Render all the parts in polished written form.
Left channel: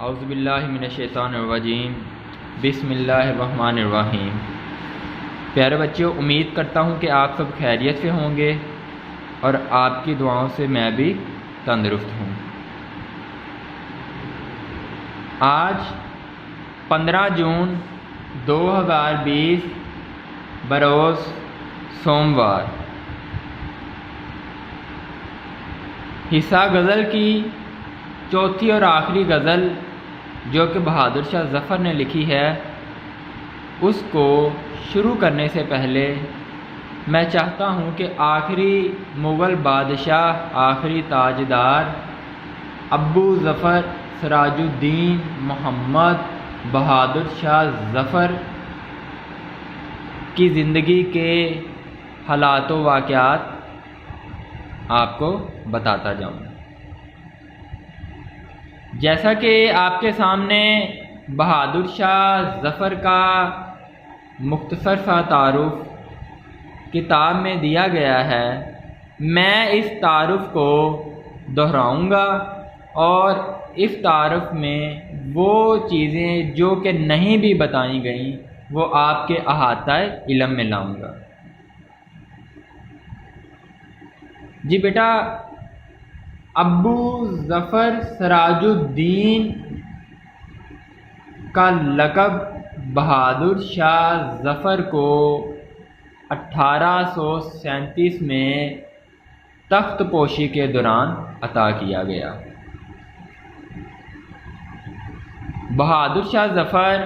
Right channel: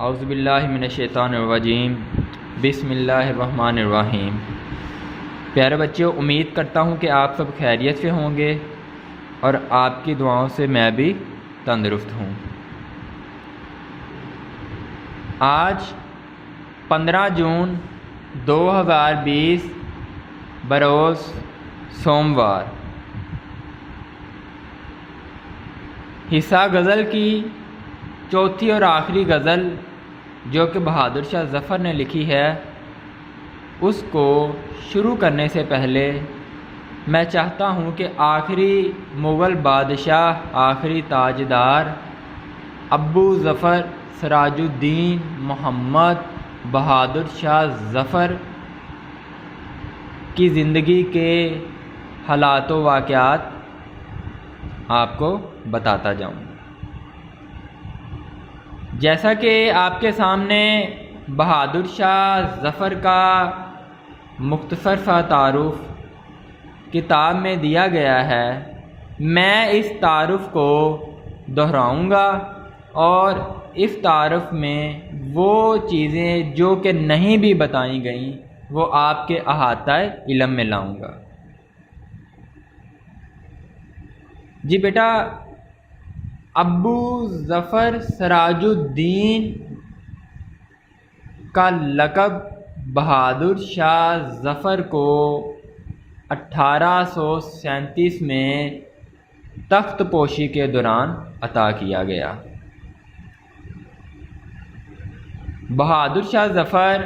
اعوذ باللہ من الشیطان الرجیم، بسم اللہ الرحمن الرحیم۔ پیارے بچوں، امید کرتا ہوں کہ آپ سب خیریت سے ہوں گے اور آپ کی دعاؤں سے میں بھی تندرست ہوں۔ آج 15 جون 2020 بروز سوموار، حصہ غزل کی چوتھی اور آخری غزل جو کہ بہادر شاہ ظفر نے لکھی ہے، اس کو شروع کرنے سے پہلے میں چاہتا ہوں کہ آخری مغل بادشاہ، آخری تاجدار ابو ظفر سراج الدین محمد بہادر شاہ ظفر کی زندگی کے حالات و واقعات آپ کو بتاتا جاؤں۔ جیسا کہ آپ کے سامنے بہادر شاہ ظفر کا مختصر سا تعارف کتاب میں دیا گیا ہے، میں اس تعارف کو دہراؤں گا اور اس تعارف میں وہ چیزیں جو کہ نہیں بھی بتائی گئیں وہ آپ کے احاطہ علم میں لاؤں گا۔ جی بیٹا، ابو ظفر سراج الدین کا لقب بہادر شاہ ظفر کو 1837 میں تخت پوشی کے دوران عطا کیا گیا۔ بہادر شاہ ظفر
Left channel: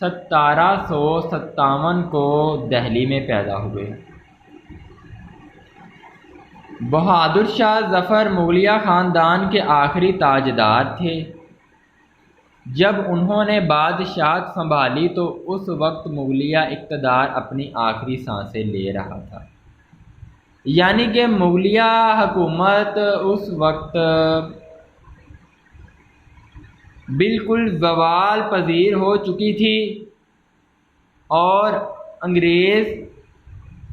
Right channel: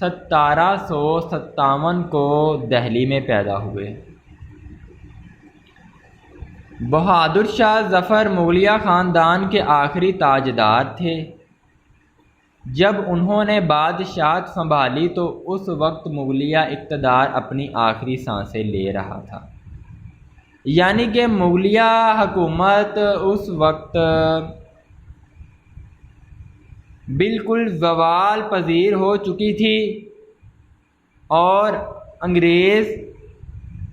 1757 کو دہلی میں پیدا ہوئے۔ بہادر شاہ ظفر مغلیہ خاندان کے آخری تاجدار تھے۔ جب انہوں نے بادشاہت سنبھالی تو اس وقت مغلیہ اقتدار اپنی آخری سانسیں لے رہا تھا، یعنی کہ مغلیہ حکومت اس وقت بالکل زوال پذیر ہو چکی تھی اور انگریز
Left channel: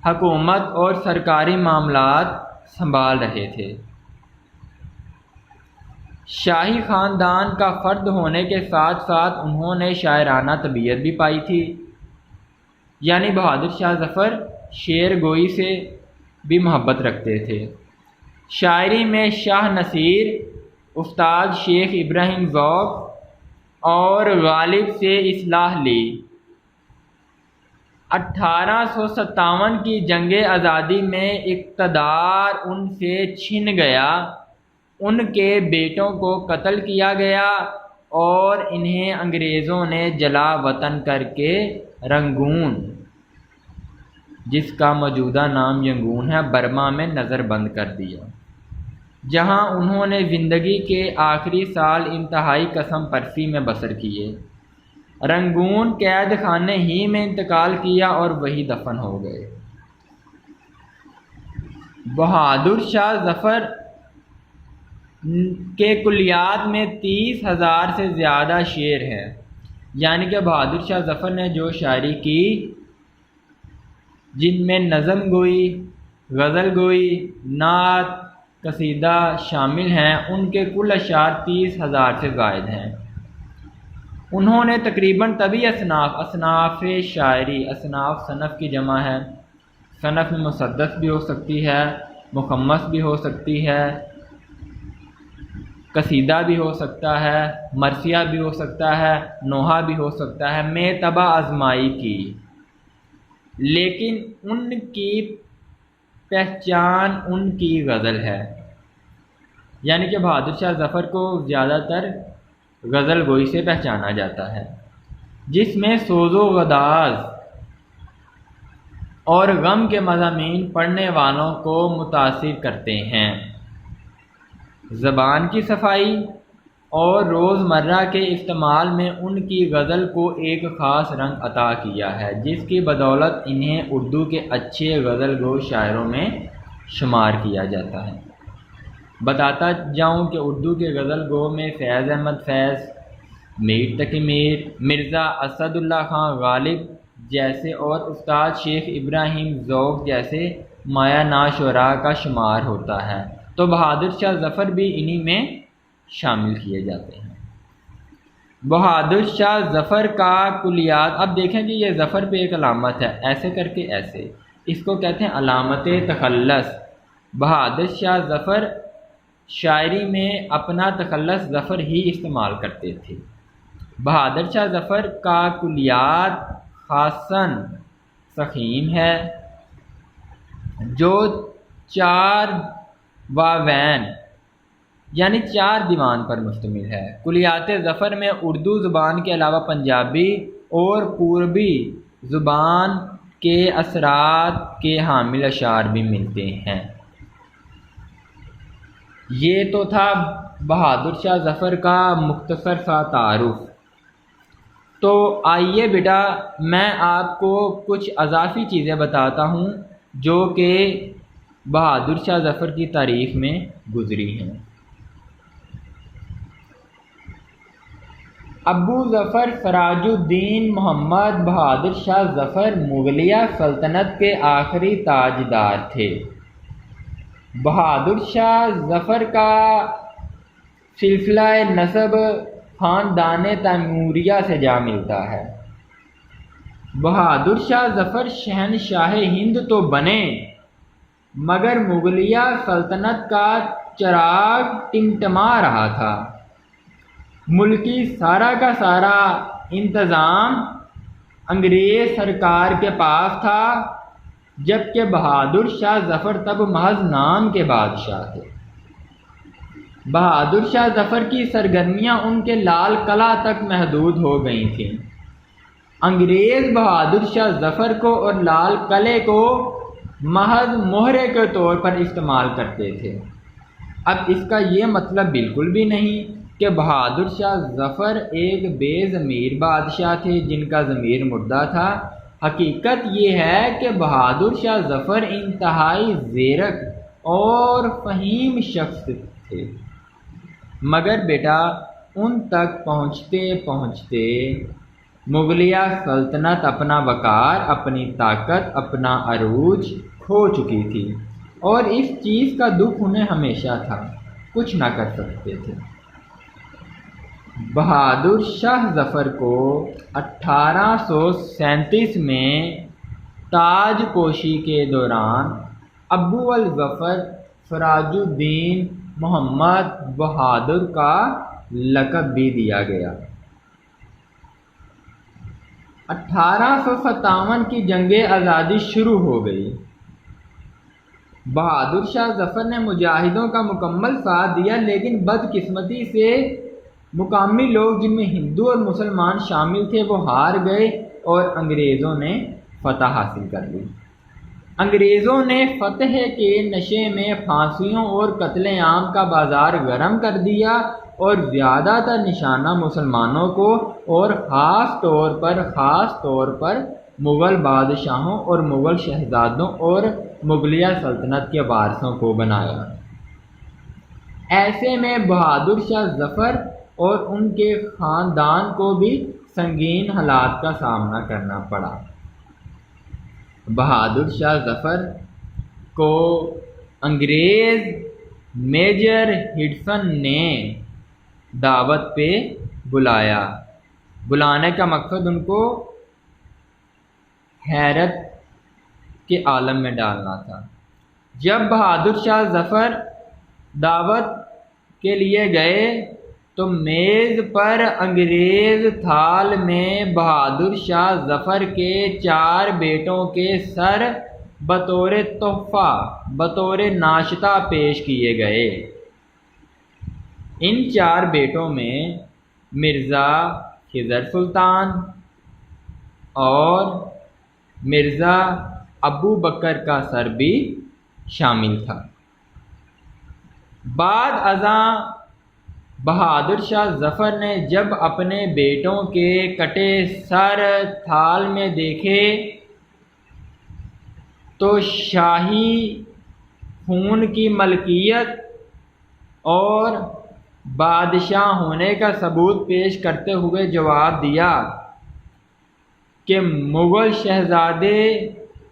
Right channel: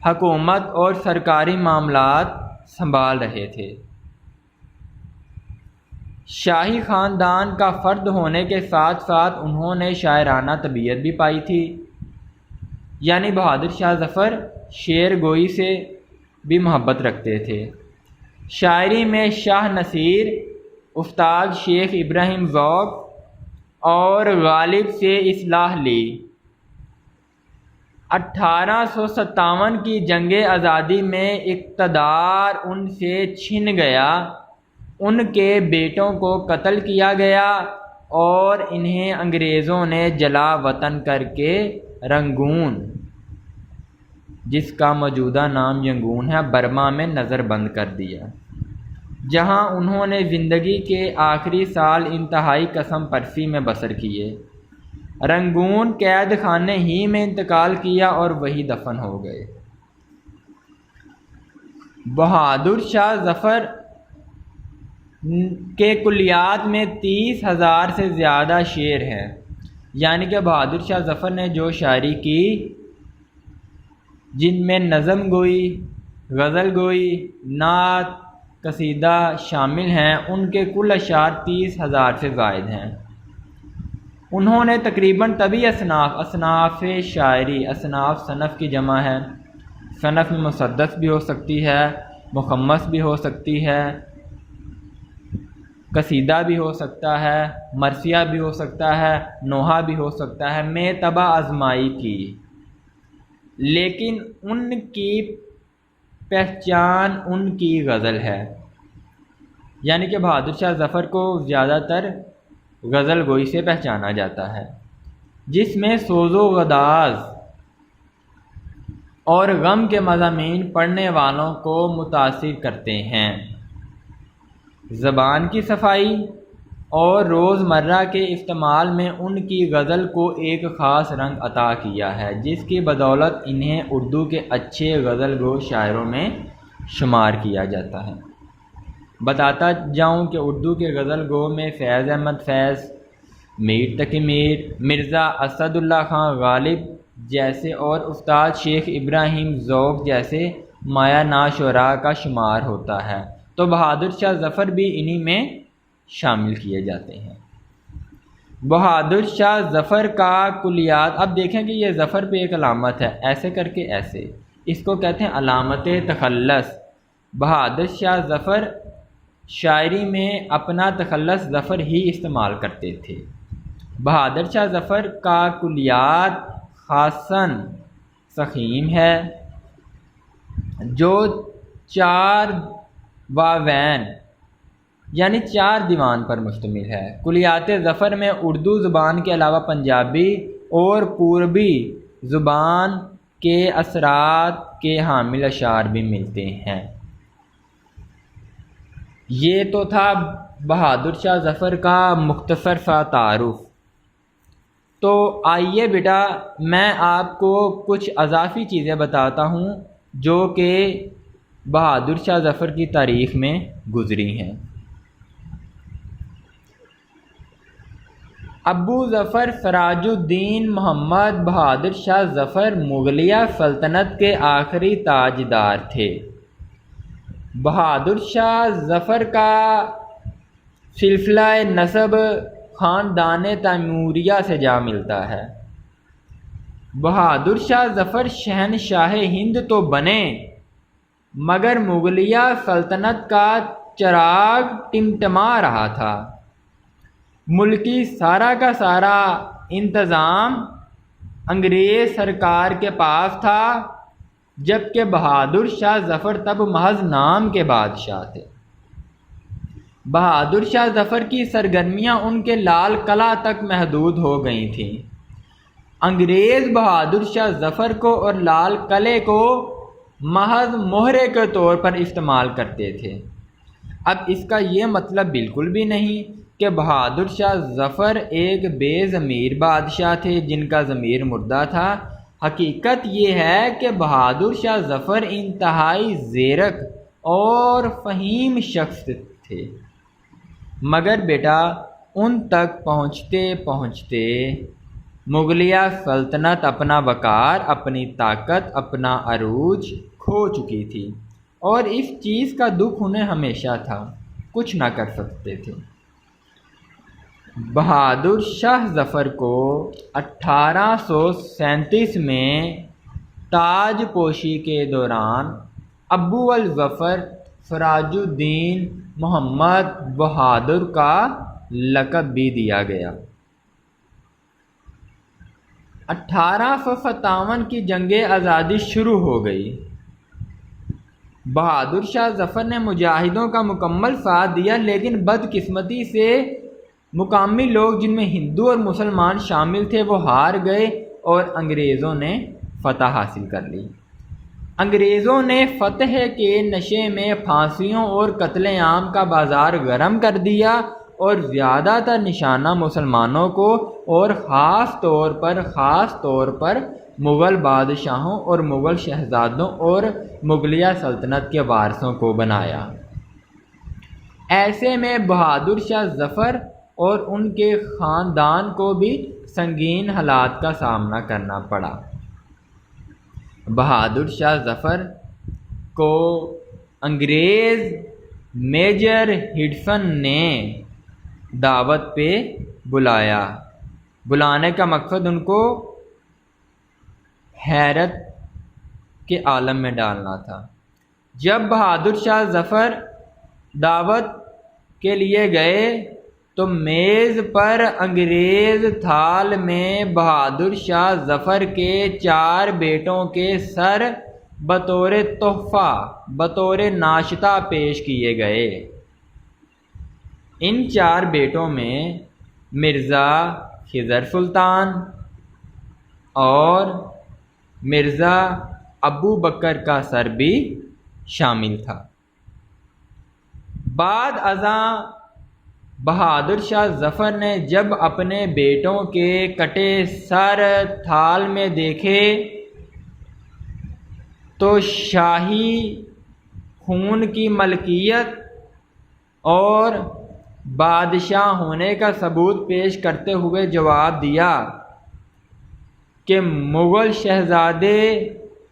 حکومت اور سرکاری معاملات سنبھال رہے تھے۔ شاہی خاندان کا فرد ہونے کے ساتھ ساتھ انہوں نے شاعرانہ طبیعت بھی پائی تھی، یعنی بہادر شاہ ظفر شعر گوئی سے بھی محبت رکھتے تھے۔ شاعری میں شاہ نصیر، استاد شیخ ابراہیم ذوق اور غالب سے اصلاح لی۔ 1857 کی جنگ آزادی میں اقتدار ان سے چھن گیا، ان کے بیٹوں کو قتل کیا گیا اور انہیں انگریزوں نے جلا وطن کر کے رنگون، جس کا موجودہ نام ینگون ہے، برما میں نظر بند کر دیا، جہاں انہوں نے زندگی کے آخری سال انتہائی قسم پرسی میں بسر کیے۔ رنگون قید خانے ہی میں انتقال کیا اور وہی دفن ہو گئے۔ بہادر شاہ ظفر کے کلیات میں 30,000 سے زیادہ شعر ہیں، یعنی کہ بہادر شاہ ظفر نے جو شاعری کی، جن میں نظم گوئی، غزل گوئی، نعت، قصیدہ شامل ہیں، ان کے کل اشعار 30,000 سے زائد ہیں۔ انہوں نے تقریباً طبی اصناف شاعری، اصناف صنف کی جمع ہے، صنف میں مسدس بھی ہو سکتی ہے، مخمس بھی ہو سکتی ہے، قصیدہ بھی ہو سکتا ہے، مرثیہ بھی ہو سکتا ہے، نوحہ بھی ہو سکتا ہے، میں طبع آزمائی کی، لیکن ان کی پہچان ان کی غزل ہے، یعنی کہ بہادر شاہ ظفر کو زیادہ تر غزل گوئی سے پہچانا جاتا ہے، جس میں سوز و گداز اور غم کے مضامین پڑھنے والوں کو متاثر کرتے ہیں۔ زبان کی صفائی اور روزمرہ کے استعمال میں ان کی غزل کو ایک خاص رنگ عطا کیا ہے، جس کی بدولت انہیں اردو کے اچھے غزل گو شاعروں میں شمار کیا جاتا ہے۔ بتاتا جاؤں کہ اردو کے غزل گو میں فیض احمد فیض، میر تقی میر، مرزا اسد اللہ خان غالب جیسے اور استاد شیخ ابراہیم ذوق جیسے مایہ ناز شعراء کا شمار ہوتا ہے، تو بہادر شاہ ظفر بھی انہی میں شامل کیے جاتے ہیں۔ بہادر شاہ ظفر کا کلیات، اب دیکھیں کہ یہ ظفر پہ ایک علامت ہے، ایسے کر کے ایسے، اس کو کہتے ہیں علامت تخلص۔ بہادر شاہ ظفر شاعری میں اپنا تخلص ظفر ہی استعمال کرتے تھے۔ بہادر شاہ ظفر کا کلیات خاصاً سخیم ہے، جو 4 واوین یعنی 4 دیوان پر مشتمل ہے۔ کلیات ظفر میں اردو زبان کے علاوہ پنجابی اور پوربی زبان کے اثرات کے حامل اشعار بھی ملتے ہیں۔ یہ تو تھا بہادر شاہ ظفر کا مختصر سا تعارف۔ تو آئیے بیٹا میں آپ کو کچھ اضافی چیزیں بتاتا ہوں جو کہ بہادر شاہ ظفر کی تاریخ میں گزری ہیں۔ ابو ظفر سراج الدین محمد بہادر شاہ ظفر مغلیہ سلطنت کے آخری تاجدار تھے۔ بہادر شاہ ظفر کا سلسلہ نسب خاندان تیموریہ سے جا ملتا ہے۔ بہادر شاہ ظفر شہنشاہ ہند تو بنے مگر مغلیہ سلطنت کا چراغ ٹمٹما رہا تھا۔ ملکی سارا کا سارا انتظام انگریز سرکار کے پاس تھا، جبکہ بہادر شاہ ظفر تب محض نام کے بادشاہ تھے۔ بہادر شاہ ظفر کی سرگرمیاں ان کے لال قلعہ تک محدود ہو گئی تھیں۔ انگریز بہادر شاہ ظفر کو اور لال قلعے کو محض مہرے کے طور پر استعمال کرتے تھے۔ اب اس کا یہ مطلب بالکل بھی نہیں کہ بہادر شاہ ظفر ایک بے ضمیر بادشاہ تھے جن کا ضمیر مردہ تھا۔ حقیقت یہ ہے کہ بہادر شاہ ظفر انتہائی زیرک اور فہیم شخص تھے، مگر بیٹا ان تک پہنچتے پہنچتے مغلیہ سلطنت اپنا وقار، اپنی طاقت، اپنا عروج کھو چکی تھی، اور اس چیز کا دکھ انہیں ہمیشہ تھا، کچھ نہ کر سکتے تھے۔ بہادر شاہ ظفر کو 1837 میں تاج پوشی کے دوران ابو الظفر سراج الدین محمد بہادر کا لقب بھی دیا گیا۔ 1857 کی جنگ آزادی شروع ہو گئی۔ بہادر شاہ ظفر نے مجاہدوں کا مکمل ساتھ دیا، لیکن بدقسمتی سے مقامی لوگ جن میں ہندو اور مسلمان شامل تھے وہ ہار گئے اور انگریزوں نے فتح حاصل کر لی۔ انگریزوں نے فتح کے نشے میں پھانسیوں اور قتل عام کا بازار گرم کر دیا اور زیادہ تر نشانہ مسلمانوں کو اور خاص طور پر مغل بادشاہوں اور مغل شہزادوں اور مغلیہ سلطنت کے وارثوں کو بنایا۔ ایسے میں بہادر شاہ ظفر اور ان کے خاندان کو بھی سنگین حالات کا سامنا کرنا پڑا۔ بہادر شاہ ظفر کو انگریز میجر ہڈسن نے دعوت پہ بلایا۔ بلانے کا مقصد ان کو حیرت کے عالم میں ڈالنا تھا۔ جب بہادر شاہ ظفر دعوت کے لیے گئے تو میز پر انگریز تھال میں بہادر شاہ ظفر کے 4 بیٹوں کے سر بطور تحفہ، بطور ناشتہ پیش کیے گئے۔ ان 4 بیٹوں میں مرزا خضر سلطان اور مرزا ابو بکر کا سر بھی شامل تھا۔ بعد ازاں بہادر شاہ ظفر نے جب اپنے بیٹوں کے کٹے سر تھال میں دیکھے تو شاہی خون کی ملکیت اور بادشاہ ہونے کا ثبوت پیش کرتے ہوئے جواب دیا کہ مغل شہزادے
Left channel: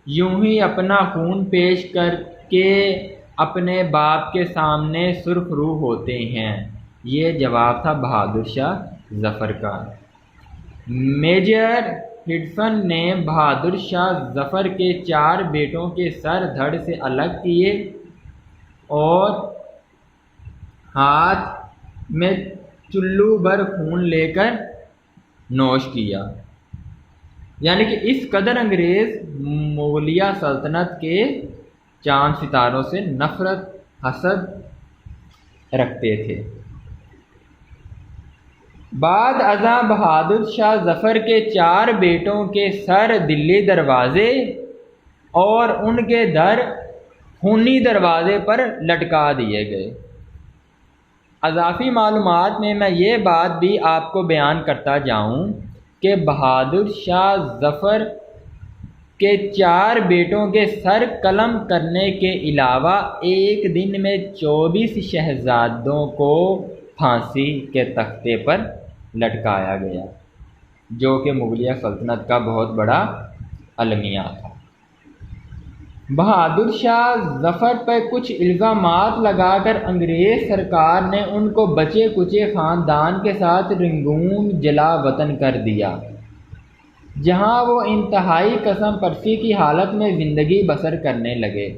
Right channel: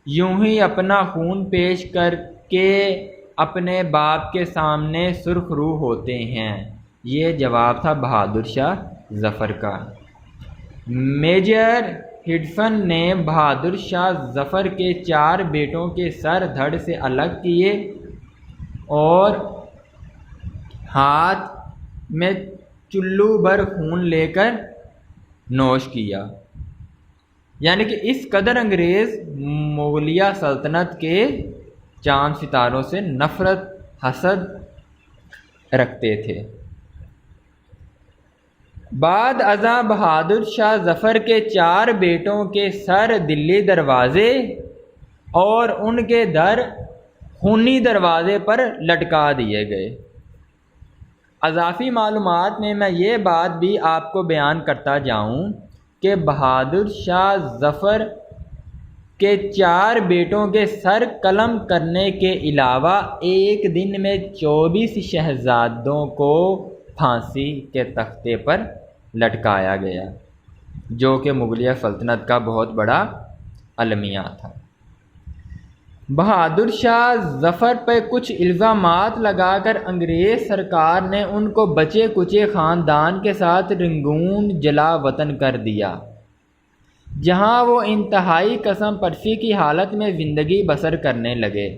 یوں ہی اپنا خون پیش کر کے اپنے باپ کے سامنے سرخ رو ہوتے ہیں۔ یہ جواب تھا بہادر شاہ ظفر کا۔ میجر ہڈسن نے بہادر شاہ ظفر کے 4 بیٹوں کے سر دھڑ سے الگ کیے اور ہاتھ میں چلو بھر خون لے کر نوش کیا، یعنی کہ اس قدر انگریز مغلیہ سلطنت کے چاند ستاروں سے نفرت حسد رکھتے تھے۔ بعد ازاں بہادر شاہ ظفر کے 4 بیٹوں کے سر دلی دروازے اور ان کے در خونی دروازے پر لٹکا دیے گئے۔ اضافی معلومات میں یہ بات بھی آپ کو بیان کرتا جاؤں کہ بہادر شاہ ظفر کے 4 بیٹوں کے سر قلم کرنے کے علاوہ ایک دن میں 24 شہزادوں کو پھانسی کے تختے پر لٹکایا گیا، جو کہ مغلیہ سلطنت کا بہت بڑا المیہ تھا۔ بہادر شاہ ظفر پہ کچھ الزامات لگا کر انگریز سرکار نے ان کو بچے کچے خاندان کے ساتھ رنگون جلا وطن کر دیا، جہاں وہ انتہائی قسم پرسی کی حالت میں زندگی بسر کرنے لگے۔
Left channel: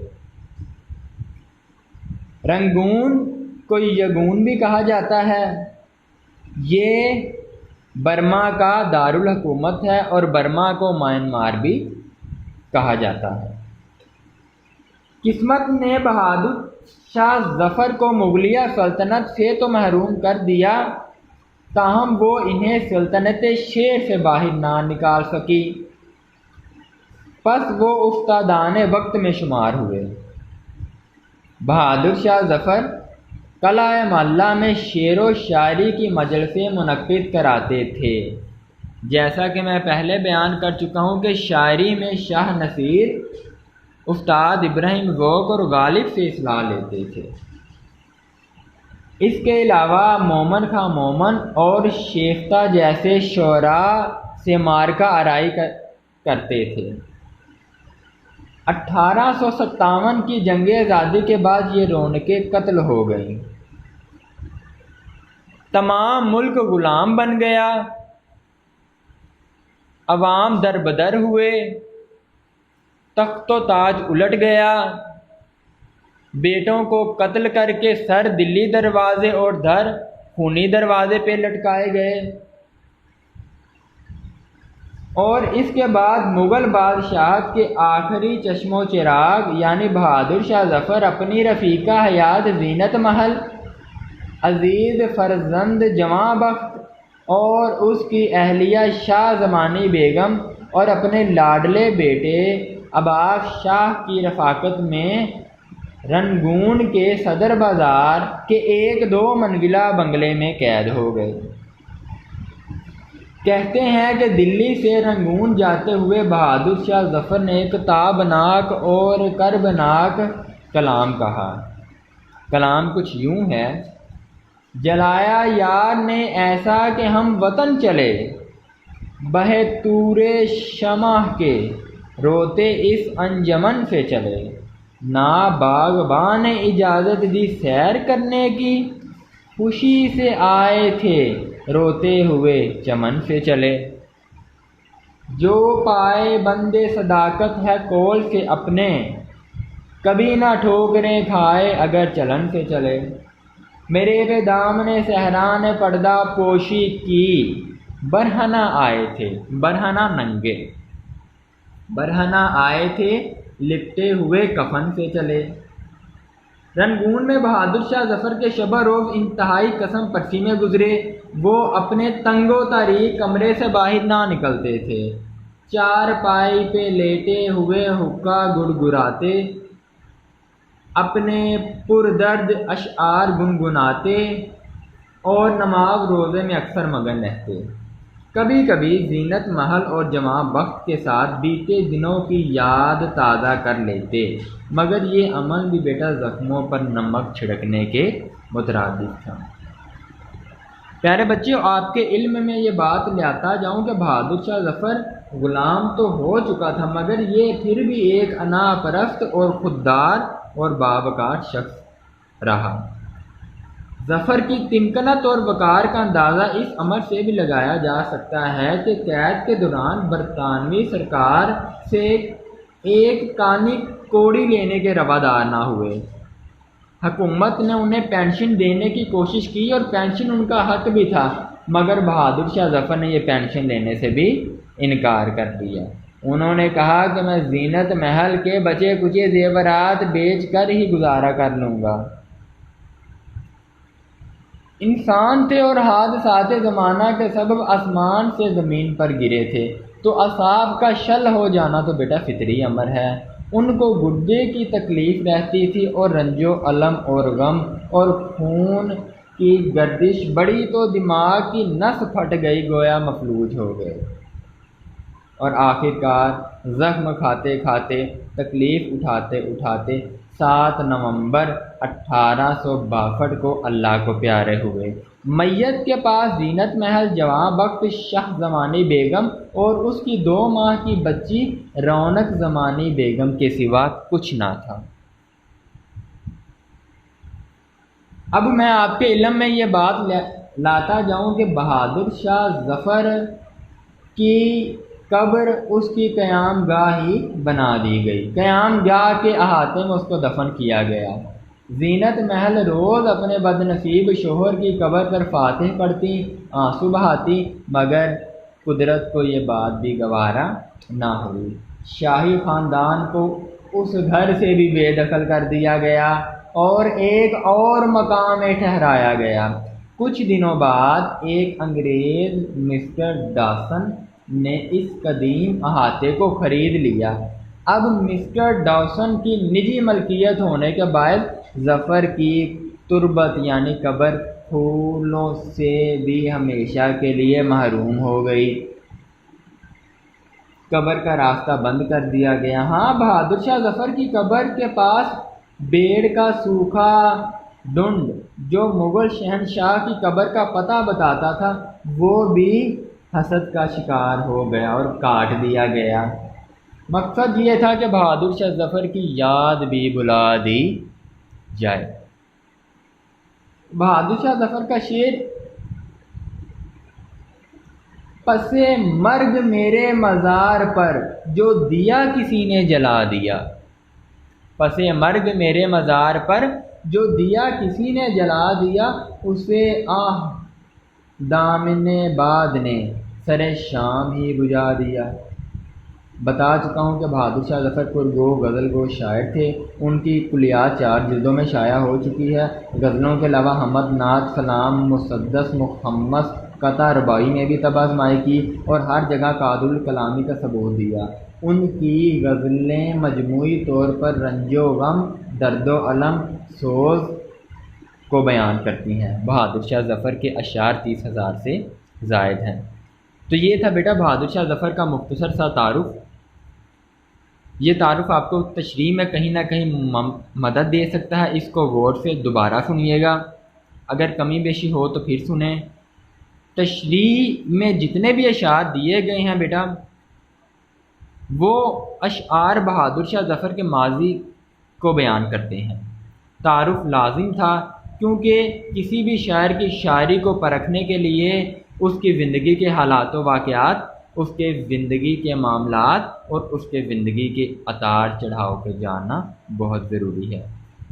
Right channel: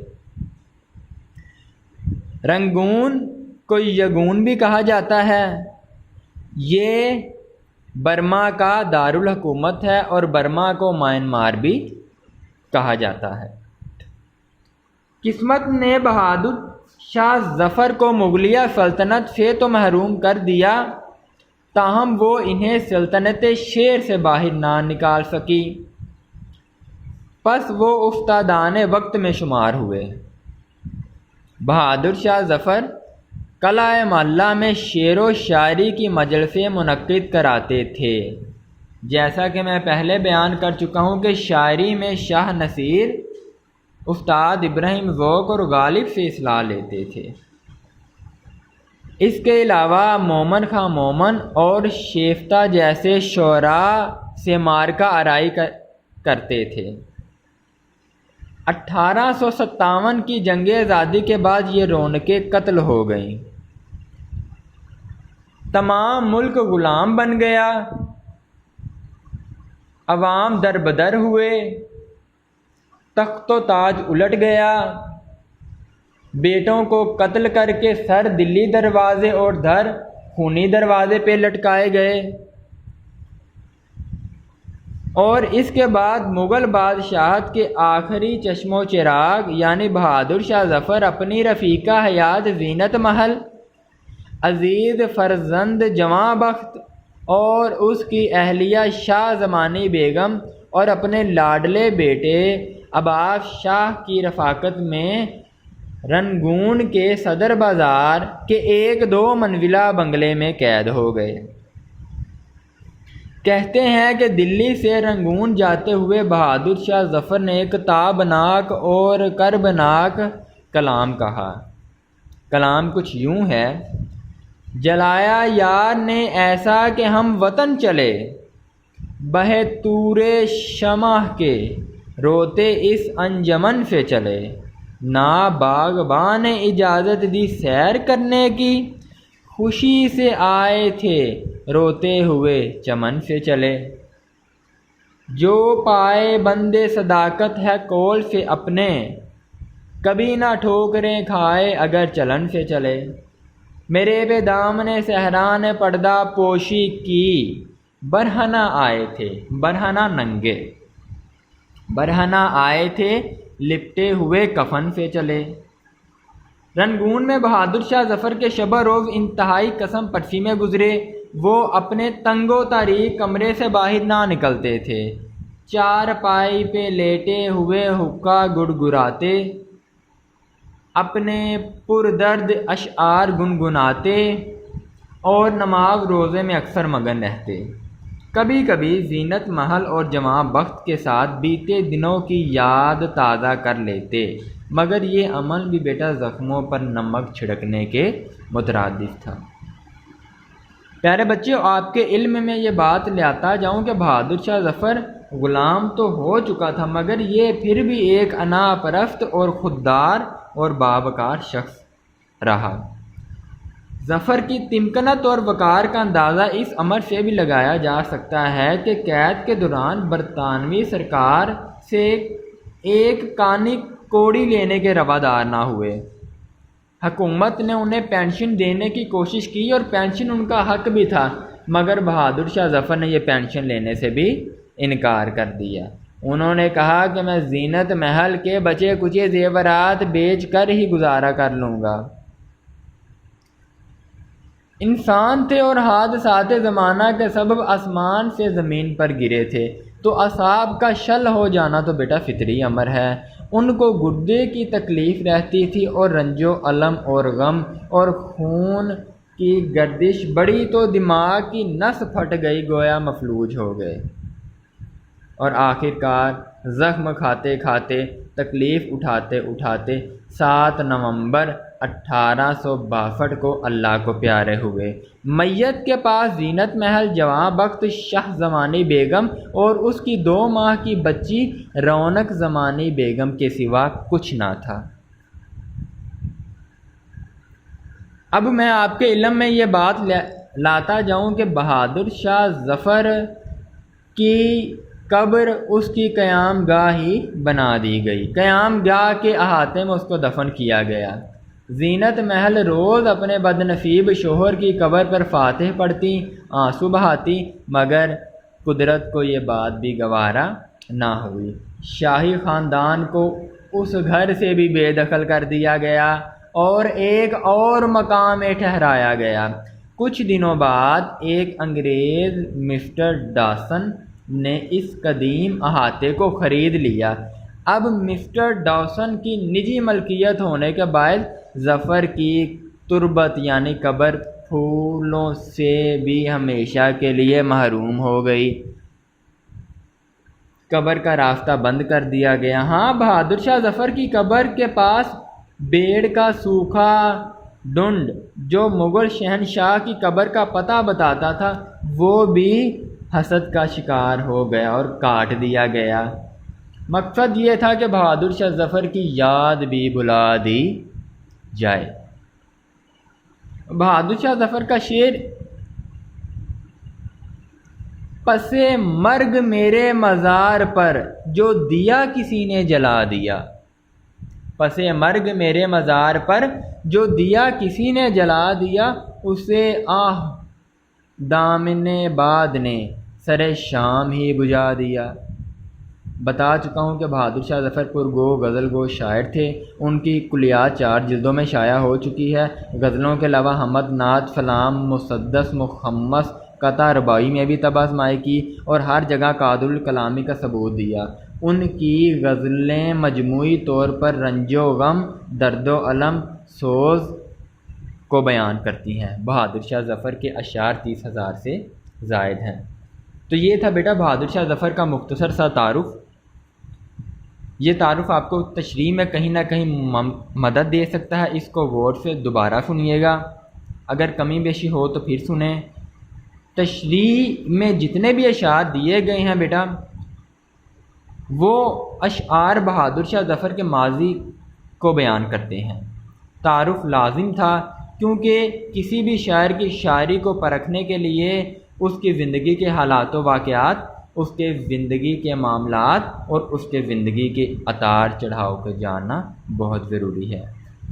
رنگون کو یگون بھی کہا جاتا ہے، یہ برما کا دارالحکومت ہے اور برما کو میانمار بھی کہا جاتا ہے۔ قسمت نے بہادر شاہ ظفر کو مغلیہ سلطنت سے تو محروم کر دیا، تاہم وہ انہیں سلطنت شیر سے باہر نہ نکال سکی، پس وہ افتادان وقت میں شمار ہوئے۔ بہادر شاہ ظفر قلعہ معلیٰ میں شعر و شاعری کی مجلسیں منعقد کراتے تھے۔ جیسا کہ میں پہلے بیان کر چکا ہوں کہ شاعری میں شاہ نصیر، استاد ابراہیم ذوق اور غالب سے اصلاح لیتے تھے۔ اس کے علاوہ مومن خاں مومن اور شیفتہ جیسے شعراء سے مارکہ آرائی کرتے تھے۔ 1857 کی جنگ آزادی کے بعد یہ رونقیں قتل ہو گئیں، تمام ملک غلام بن گیا، عوام در بدر ہوئے، تخت و تاج الٹ گیا، بیٹوں کو قتل کر کے سر دلی دروازے اور دھر خونی دروازے پہ لٹکائے گئے، اور اس کے بعد مغل بادشاہت کے آخری چشم و چراغ یعنی بہادر شاہ ظفر اپنی رفیقہ حیات زینت محل، عزیز فرزند جواں بخت اور اس کی اہلیہ شاہ زمانی بیگم اور اپنے لاڈلے بیٹے عباس شاہ کی رفاقت میں رنگون کے صدر بازار کے ایک 2 منزلہ بنگلے میں قید ہو گئے۔ کہتے ہیں کہ دلی سے رنگون جاتے ہوئے بہادر شاہ ظفر نے ایک تابناک اور کربناک کلام کہا۔ کلام کچھ یوں ہے: جلایا یار نے ایسا کہ ہم وطن چلے، بہے تورے شمع کے روتے اس انجمن سے چلے، نا باغباں نے اجازت دی سیر کرنے کی، خوشی سے آئے تھے روتے ہوئے چمن سے چلے، جو پائے بندے صداقت ہے قول سے اپنے، کبھی نہ ٹھوکریں کھائے اگر چلن سے چلے، میرے پہ دامن صحرا نے پردہ پوشی کی، برہنہ آئے تھے، برہنہ ننگے، برہنہ آئے تھے لپٹے ہوئے کفن سے چلے۔ رنگون میں بہادر شاہ ظفر کے شب روز انتہائی قسم پرسی میں گزرے۔ وہ اپنے تنگ و تاریک کمرے سے باہر نہ نکلتے تھے، چارپائی پہ لیٹے ہوئے حقہ گڑگڑاتے، اپنے پردرد اشعار گنگناتے اور نماز روزے میں اکثر مگن رہتے۔ کبھی کبھی زینت محل اور جواں بخت کے ساتھ بیتے دنوں کی یاد تازہ کر لیتے، مگر یہ عمل بھی بیٹا زخموں پر نمک چھڑکنے کے مترادف تھا۔ پیارے بچوں، آپ کے علم میں یہ بات لاتا جاؤں کہ بہادر شاہ ظفر غلام تو ہو چکا تھا، مگر یہ پھر بھی ایک انا پرست اور خوددار اور باوقار شخص رہا۔ ظفر کی تمکنت اور وقار کا اندازہ اس امر سے بھی لگایا جا سکتا ہے کہ قید کے دوران برطانوی سرکار سے ایک کانی کوڑی لینے کے روادار نہ ہوئے۔ حکومت نے انہیں پینشن دینے کی کوشش کی اور پینشن ان کا حق بھی تھا، مگر بہادر شاہ ظفر نے یہ پینشن لینے سے بھی انکار کر دیا۔ انہوں نے کہا کہ میں زینت محل کے بچے کچے زیورات بیچ کر ہی گزارا کر لوں گا۔ انسان تھے اور حادثات زمانہ کے سبب آسمان سے زمین پر گرے تھے، تو اعصاب کا شل ہو جانا تو بیٹا فطری امر ہے۔ ان کو گردے کی تکلیف رہتی تھی اور رنج و الم اور غم اور خون کی گردش بڑی تو دماغ کی نس پھٹ گئی، گویا مفلوج ہو گئے، اور آخر کار زخم کھاتے کھاتے تکلیف اٹھاتے اٹھاتے 7 نومبر 1862 کو اللہ کو پیارے ہوئے۔ میت کے پاس زینت محل جواں بخت شاہ زمانی بیگم اور اس کی 2 ماہ کی بچی رونق زمانی بیگم کے سوا کچھ نہ تھا۔ اب میں آپ کے علم میں یہ بات لاتا جاؤں کہ بہادر شاہ ظفر کی قبر اس کی قیام گاہ ہی بنا دی گئی، قیام گاہ کے احاطے میں اس کو دفن کیا گیا۔ زینت محل روز اپنے بد نصیب شوہر کی قبر پر فاتح پڑھتی، آنسو بہاتی، مگر قدرت کو یہ بات بھی گوارا نہ ہوئی۔ شاہی خاندان کو اس گھر سے بھی بے دخل کر دیا گیا اور ایک اور مقام میں ٹھہرایا گیا۔ کچھ دنوں بعد ایک انگریز مسٹر ڈاسن نے اس قدیم احاطے کو خرید لیا۔ اب مسٹر ڈاسن کی نجی ملکیت ہونے کے باعث ظفر کی تربت یعنی قبر پھولوں سے بھی ہمیشہ کے لیے محروم ہو گئی۔ قبر کا راستہ بند کر دیا گیا۔ ہاں، بہادر شاہ ظفر کی قبر کے پاس بیڑ کا سوکھا ڈنڈ جو مغل شہنشاہ کی قبر کا پتہ بتاتا تھا، وہ بھی حسد کا شکار ہو گیا اور کاٹ دیا گیا۔ مقصد یہ تھا کہ بہادر شاہ ظفر کی یاد بھی بلا دی جائے۔ بہادر شاہ ظفر کا شعر: پس مرگ میرے مزار پر جو دیا کسی نے جلا دیا، پس مرگ میرے مزار پر جو دیا کسی نے جلا دیا، اسے آہ دامن باد نے سر شام ہی بجھا دیا۔ بتا چکا ہوں کہ بہادر شاہ ظفر پرگو غزل گو شاعر تھے۔ ان کی کلیات 4 جلدوں میں شائع ہو چکی ہے۔ غزلوں کے علاوہ حمد، نعت، سلام، مسدس، مخمس، قطع رباعی میں بھی طبع آزمائی کی اور ہر جگہ قاعد الکلامی کا ثبوت دیا۔ ان کی غزلیں مجموعی طور پر رنج و غم، درد و الم، سوز کو بیان کرتی ہیں۔ بہادر شاہ ظفر کے اشعار 30,000 سے زائد ہیں۔ تو یہ تھا بیٹا بہادر شاہ ظفر کا مختصر سا تعارف۔ یہ تعارف آپ کو تشریح میں کہیں نہ کہیں مدد دے سکتا ہے، اس کو غور سے دوبارہ سنیے گا، اگر کمی بیشی ہو تو پھر سنیں۔ تشریح میں جتنے بھی اشعار دیے گئے ہیں بیٹا، وہ اشعار بہادر شاہ ظفر کے ماضی کو بیان کرتے ہیں۔ تعارف لازم تھا کیونکہ کسی بھی شاعر کی شاعری کو پرکھنے کے لیے اس کی زندگی کے حالات و واقعات، اس کے زندگی کے معاملات اور اس کے زندگی کے اتار چڑھاؤ کو جاننا بہت ضروری ہے۔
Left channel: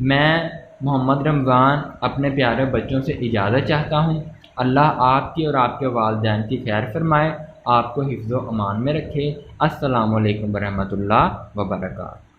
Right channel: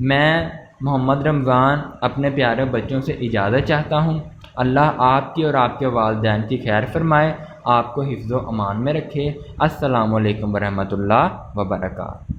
میں محمد رمضان اپنے پیارے بچوں سے اجازت چاہتا ہوں۔ اللہ آپ کی اور آپ کے والدین کی خیر فرمائے، آپ کو حفظ و امان میں رکھے۔ السلام علیکم ورحمۃ اللہ وبرکاتہ۔